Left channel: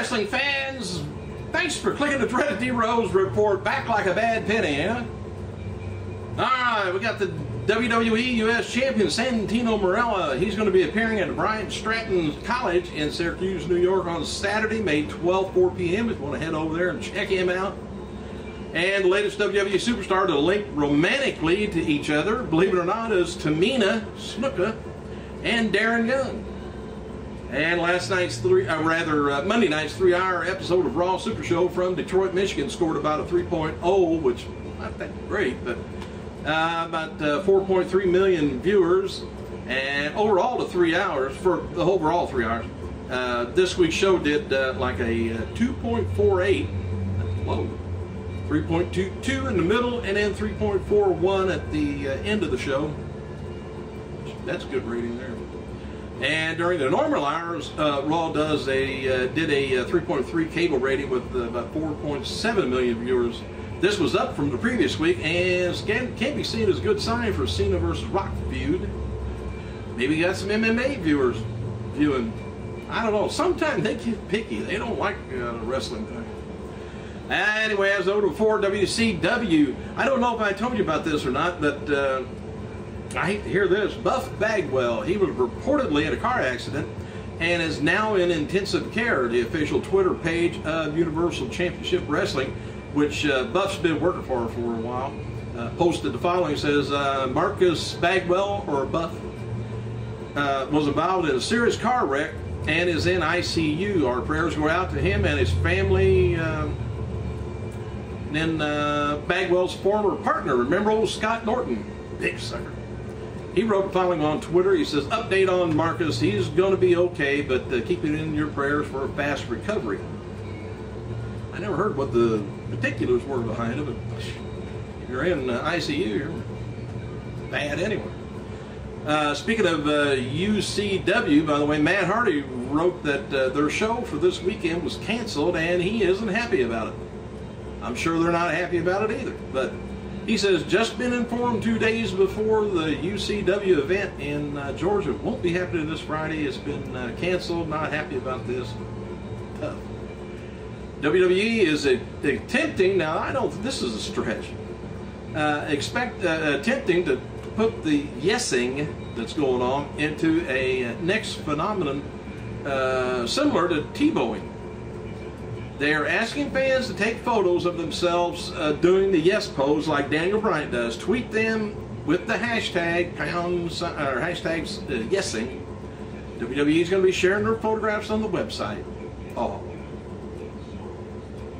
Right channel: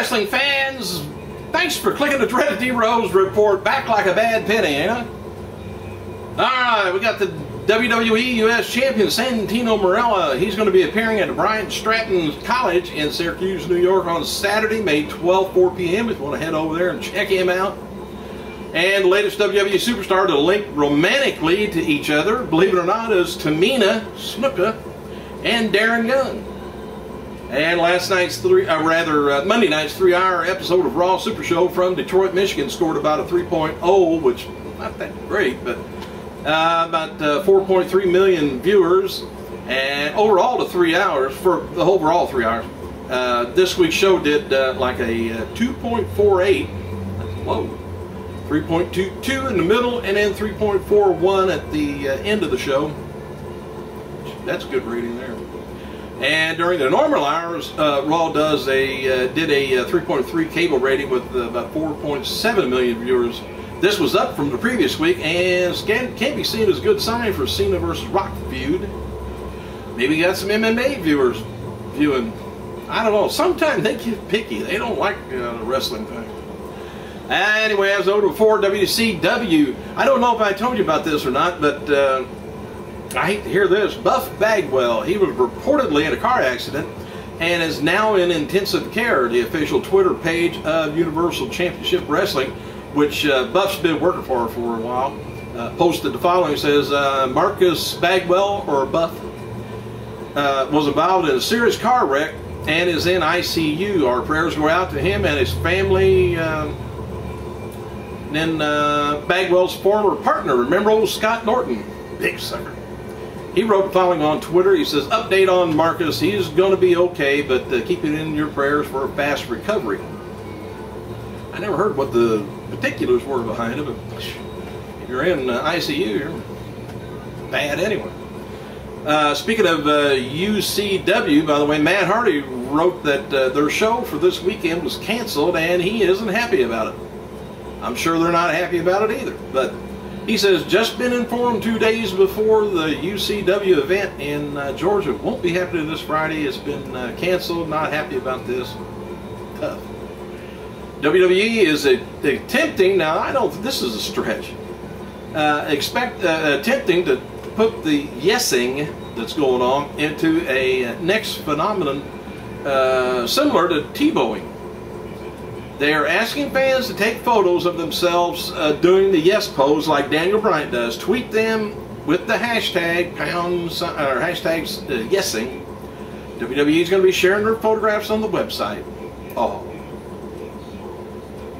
wrestling fans, thanks for clicking the dreaded D-Rose report back like a bad penny, ain't it? Alright, we got the WWE U.S. Champion Santino Marella. He's going to be appearing at Bryant Stratton College in Syracuse, New York on Saturday, May 12th, 4 p.m. if you want to head over there and check him out. And the latest WWE superstar to link romantically to each other, believe it or not, is Tamina Snuka and Darren Young. And last night's Monday night's 3-hour episode of Raw Super Show from Detroit, Michigan scored about a 3.0, which not that great, but about 4.3 million viewers. And overall to 3 hours, for the overall 3 hours, this week's show did like a 2.48, that's low, 3.22 in the middle, and then 3.41 at the end of the show. That's a good rating there. And during the normal hours, Raw did a 3.3 cable rating with about 4.7 million viewers. This was up from the previous week and can't be seen as a good sign for Cena versus Rock feud. Maybe got some MMA viewers viewing. I don't know. Sometimes they get picky. They don't like the wrestling thing. Anyway, as I noted before, WCW. I don't know if I told you about this or not, but I hate to hear this. Buff Bagwell, he was reportedly in a car accident and is now in intensive care. The official Twitter page of Universal Championship Wrestling, which Buff's been working for a while, posted the following. It says, Marcus Bagwell, or Buff, was involved in a serious car wreck and is in ICU. Our prayers go out to him and his family. Then Bagwell's former partner, remember old Scott Norton? Big sucker. He wrote the following on Twitter. He says, update on Marcus. He's going to be okay, but keep it in your prayers for a fast recovery. I never heard what the particulars were behind it, but if you're in ICU, you're bad anyway. Speaking of UCW, by the way, Matt Hardy wrote that their show for this weekend was canceled, and he isn't happy about it. I'm sure they're not happy about it either, but he says, just been informed 2 days before the UCW event in Georgia won't be happening this Friday. It's been canceled. Not happy about this. Tough. WWE is attempting, now I don't, this is a stretch, attempting to put the yesing that's going on into a next phenomenon similar to T-bowing. They are asking fans to take photos of themselves doing the yes pose like Daniel Bryan does. Tweet them with the hashtag yesing. WWE is going to be sharing their photographs on the website. Oh.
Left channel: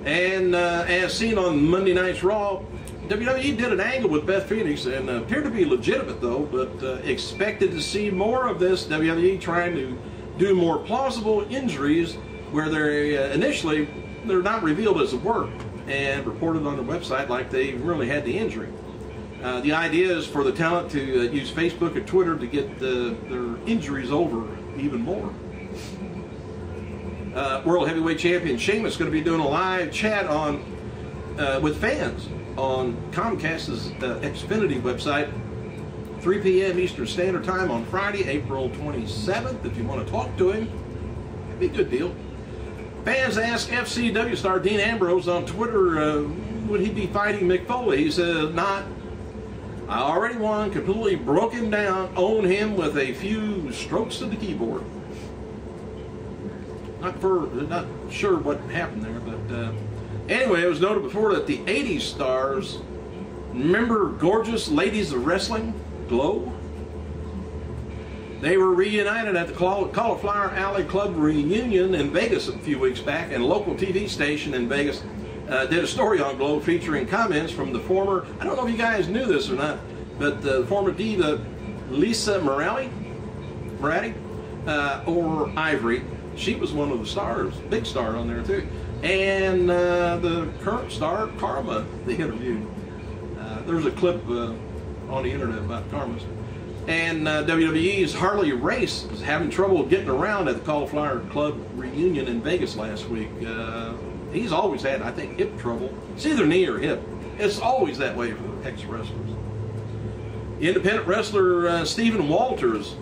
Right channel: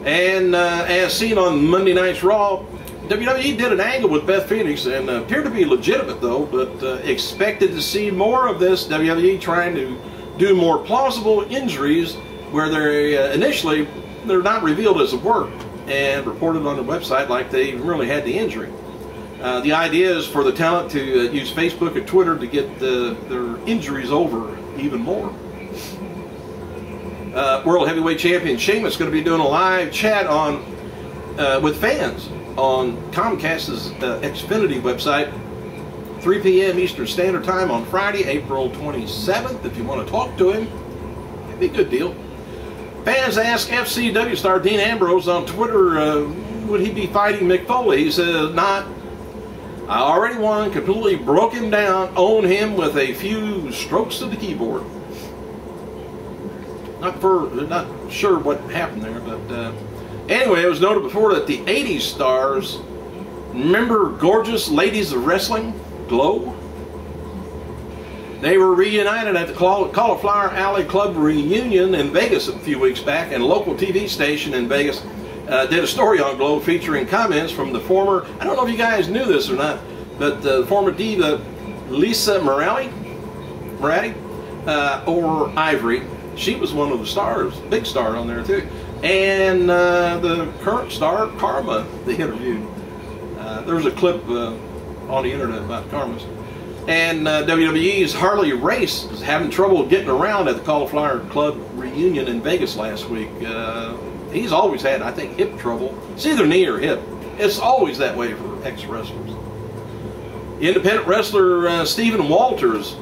And as seen on Monday Night's Raw, WWE did an angle with Beth Phoenix and appeared to be legitimate though, but expected to see more of this. WWE trying to do more plausible injuries where they're initially they're not revealed as a work and reported on their website like they really had the injury. The idea is for the talent to use Facebook and Twitter to get their injuries over even more. World Heavyweight Champion Sheamus is going to be doing a live chat on with fans on Comcast's Xfinity website, 3 p.m. Eastern Standard Time on Friday, April 27th. If you want to talk to him, that'd be a good deal. Fans ask FCW star Dean Ambrose on Twitter, would he be fighting Mick Foley? He says, not. I already won, completely broke him down, owned him with a few strokes of the keyboard. Not sure what happened there, but anyway, it was noted before that the 80s stars, remember Gorgeous Ladies of Wrestling, Glow? They were reunited at the Cauliflower Alley Club reunion in Vegas a few weeks back, and a local TV station in Vegas did a story on Glow featuring comments from the former, I don't know if you guys knew this or not, but the former diva Lisa Moratti, or Ivory. She was one of the stars, big star on there too. And the current star, Karma, they interviewed. There's a clip on the internet about Karma's. And WWE's Harley Race is having trouble getting around at the Cauliflower Club reunion in Vegas last week. He's always had, I think, hip trouble. It's either knee or hip. It's always that way for ex-wrestlers. Independent wrestler Stephen Walters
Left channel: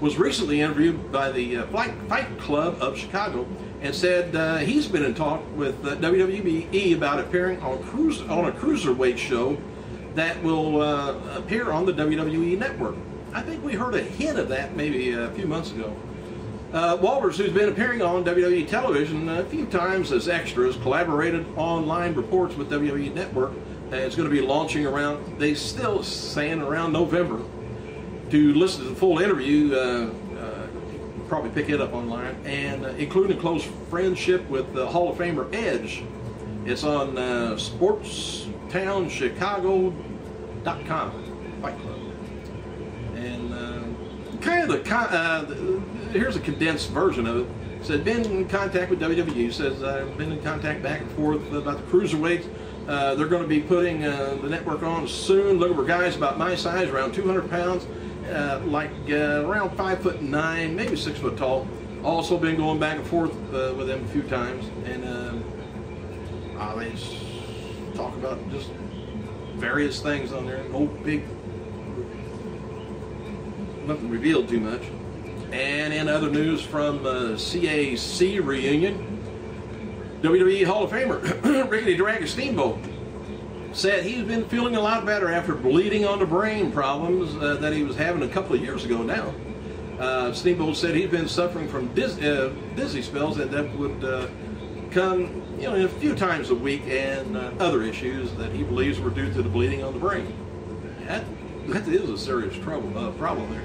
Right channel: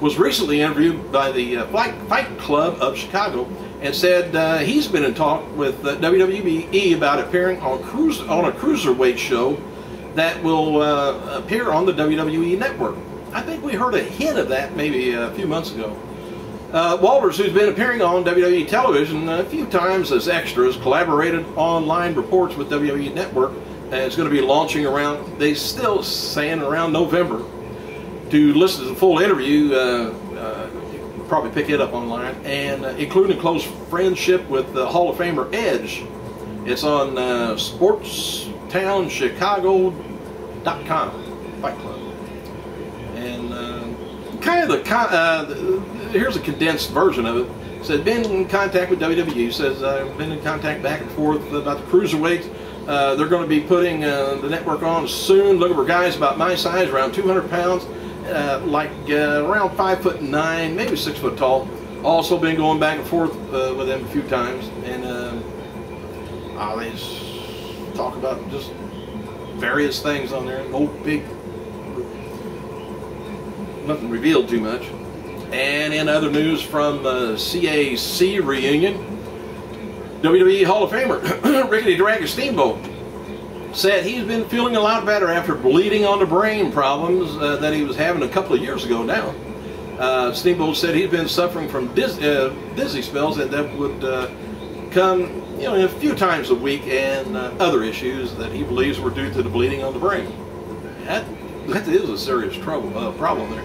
was recently interviewed by the Fight Club of Chicago and said he's been in talk with WWE about appearing on a cruiserweight show that will appear on the WWE Network. I think we heard a hint of that maybe a few months ago. Walters, who's been appearing on WWE television a few times as extras, collaborated online reports with WWE Network, and it's going to be launching around, they still saying around November. To listen to the full interview, probably pick it up online, and including close friendship with Hall of Famer Edge. It's on SportsTownChicago.com, Fight Club. And here's a condensed version of it. It said, been in contact with WWE. Says, I've been in contact back and forth about the cruiserweights. They're going to be putting the network on soon, looking for guys about my size, around 200 pounds, around 5'9", maybe 6 foot tall. Also been going back and forth with them a few times, and they just talk about just various things on there. No big, nothing revealed too much. And in other news from CAC reunion, WWE Hall of Famer Rickety Dragon Steamboat said he's been feeling a lot better after bleeding on the brain problems that he was having a couple of years ago now. Steamboat said he'd been suffering from dizzy spells that would come a few times a week, and other issues that he believes were due to the bleeding on the brain. That is a serious problem there.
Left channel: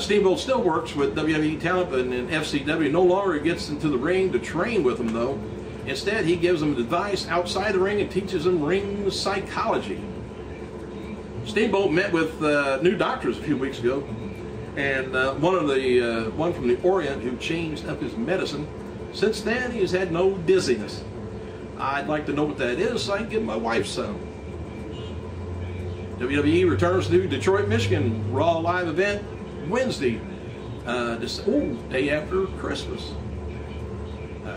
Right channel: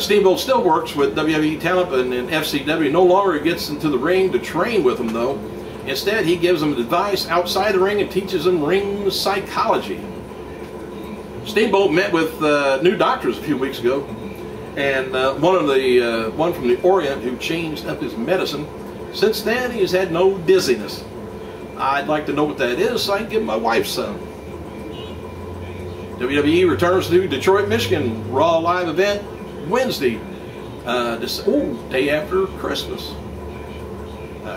Steamboat still works with WWE talent and FCW. No longer gets into the ring to train with them, though. Instead, he gives them advice outside the ring and teaches them ring psychology. Steamboat met with new doctors a few weeks ago, and one from the Orient who changed up his medicine. Since then, he's had no dizziness. I'd like to know what that is so I can give my wife some. WWE returns to Detroit, Michigan Raw live event Wednesday, day after Christmas.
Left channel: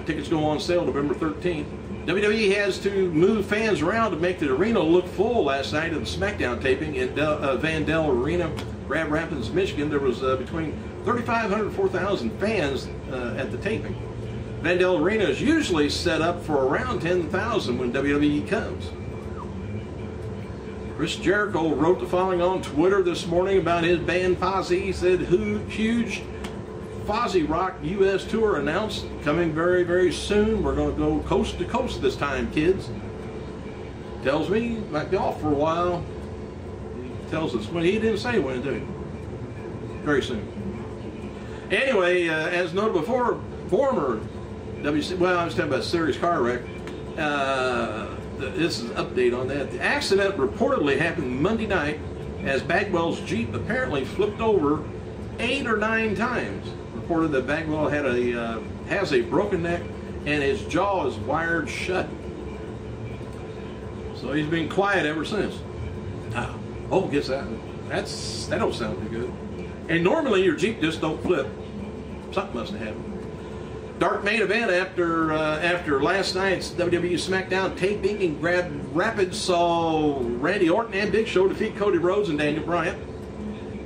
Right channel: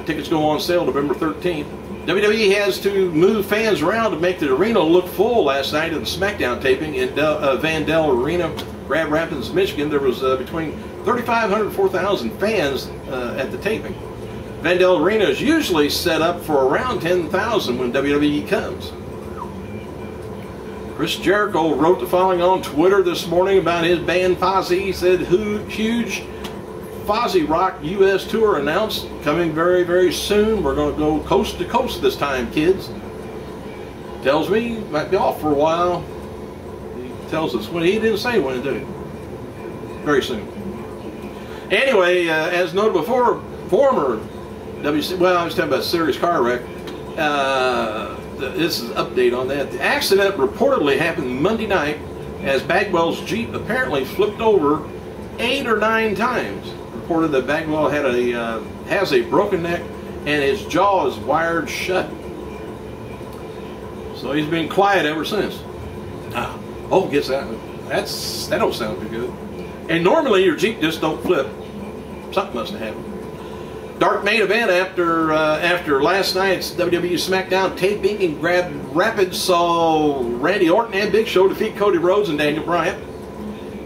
Tickets go on sale November 13th. WWE has to move fans around to make the arena look full last night at the SmackDown taping in Vandell Arena, Grand Rapids, Michigan. There was between 3,500 and 4,000 fans at the taping. Vandell Arena is usually set up for around 10,000 when WWE comes. Chris Jericho wrote the following on Twitter this morning about his band Fozzy. He said, huge Fozzy Rock U.S. tour announced, coming very, very soon. We're going to go coast to coast this time, kids. Tells me might be off for a while. He tells us when. He didn't say when, did he? Very soon. Anyway, as noted before, former WC, well, I was talking about a serious car wreck. This is an update on that. The accident reportedly happened Monday night as Bagwell's Jeep apparently flipped over 8 or 9 times. Reported that Bagwell has a broken neck and his jaw is wired shut. So he's been quiet ever since. Guess that don't sound too good. And normally your Jeep just don't flip. Something must have happened. Dark main event after last night's WWE SmackDown taping in Grand Rapids saw Randy Orton and Big Show defeat Cody Rhodes and Daniel Bryan.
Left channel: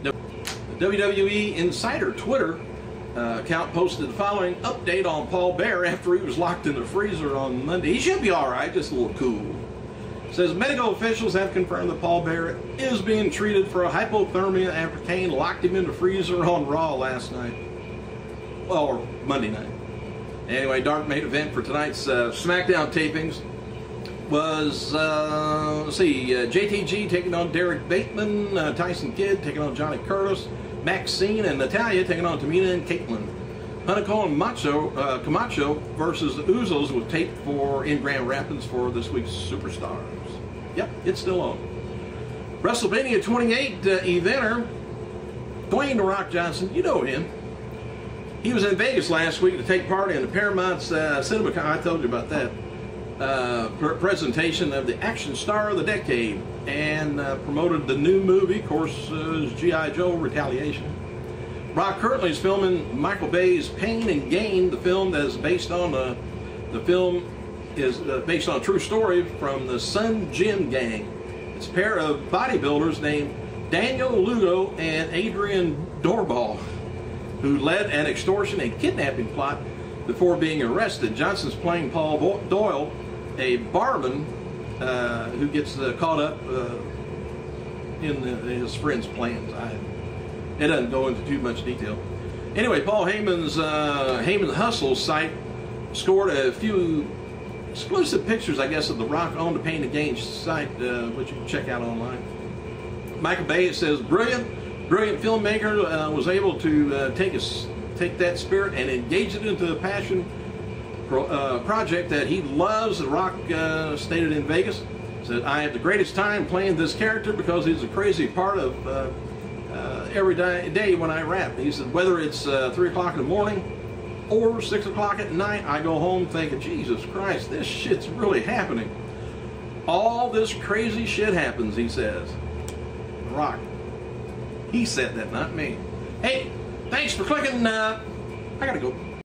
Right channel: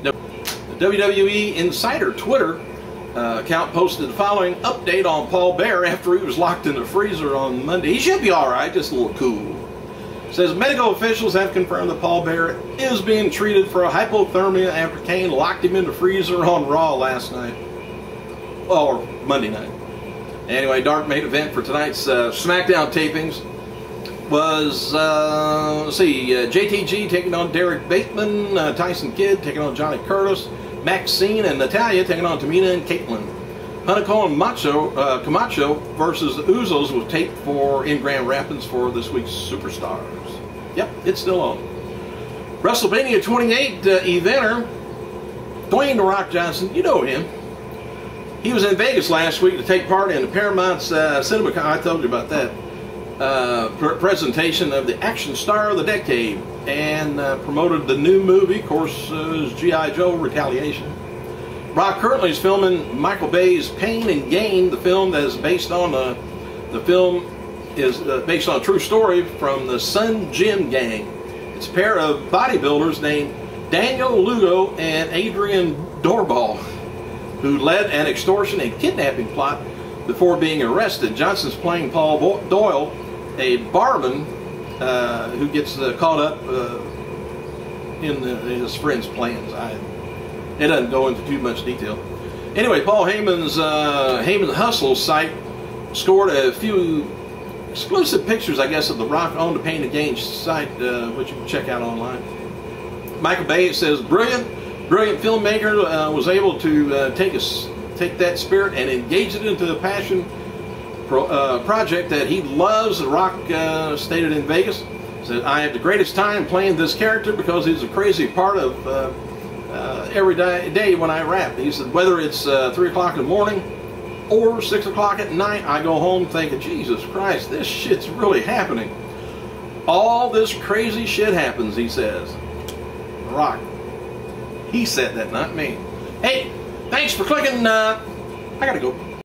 The WWE Insider Twitter account posted the following update on Paul Bearer after he was locked in the freezer on Monday. He should be all right, just a little cool. It says medical officials have confirmed that Paul Bearer is being treated for a hypothermia after Kane locked him in the freezer on Raw last night. Well, or Monday night. Anyway, dark main event for tonight's SmackDown tapings was, JTG taking on Derek Bateman, Tyson Kidd taking on Johnny Curtis, Maxine and Natalya taking on Tamina and Caitlyn. Hunico and Camacho versus the Usos was taped in Grand Rapids for this week's Superstars. Yep, it's still on. WrestleMania 28 eventer, Dwayne "The Rock" Johnson, you know him. He was in Vegas last week to take part in the Paramount's Cinema, I told you about that, presentation of the action star of the decade, and promoted the new movie, of course, G.I. Joe Retaliation. Rock currently is filming Michael Bay's Pain and Gain. The film that is based on a true story from the Sun Gym Gang. It's a pair of bodybuilders named Daniel Lugo and Adrian Doorball. who led an extortion and kidnapping plot before being arrested. Johnson's playing Paul Doyle, a barman who gets caught up in his friend's plans. It doesn't go into too much detail. Anyway, Paul Heyman's Heyman Hustle site scored a few exclusive pictures, I guess, of The Rock on the Pain and Gain site, which you can check out online. Michael Bay says, brilliant filmmaker was able to take that spirit and engage it into a passion project that he loves. The Rock stated in Vegas, said, I have the greatest time playing this character because he's a crazy part of every day when I rap. He said, whether it's 3 o'clock in the morning or 6 o'clock at night, I go home thinking, Jesus Christ, this shit's really happening. All this crazy shit happens, he says. The Rock. He said that, not me. Hey, thanks for clicking. I gotta go.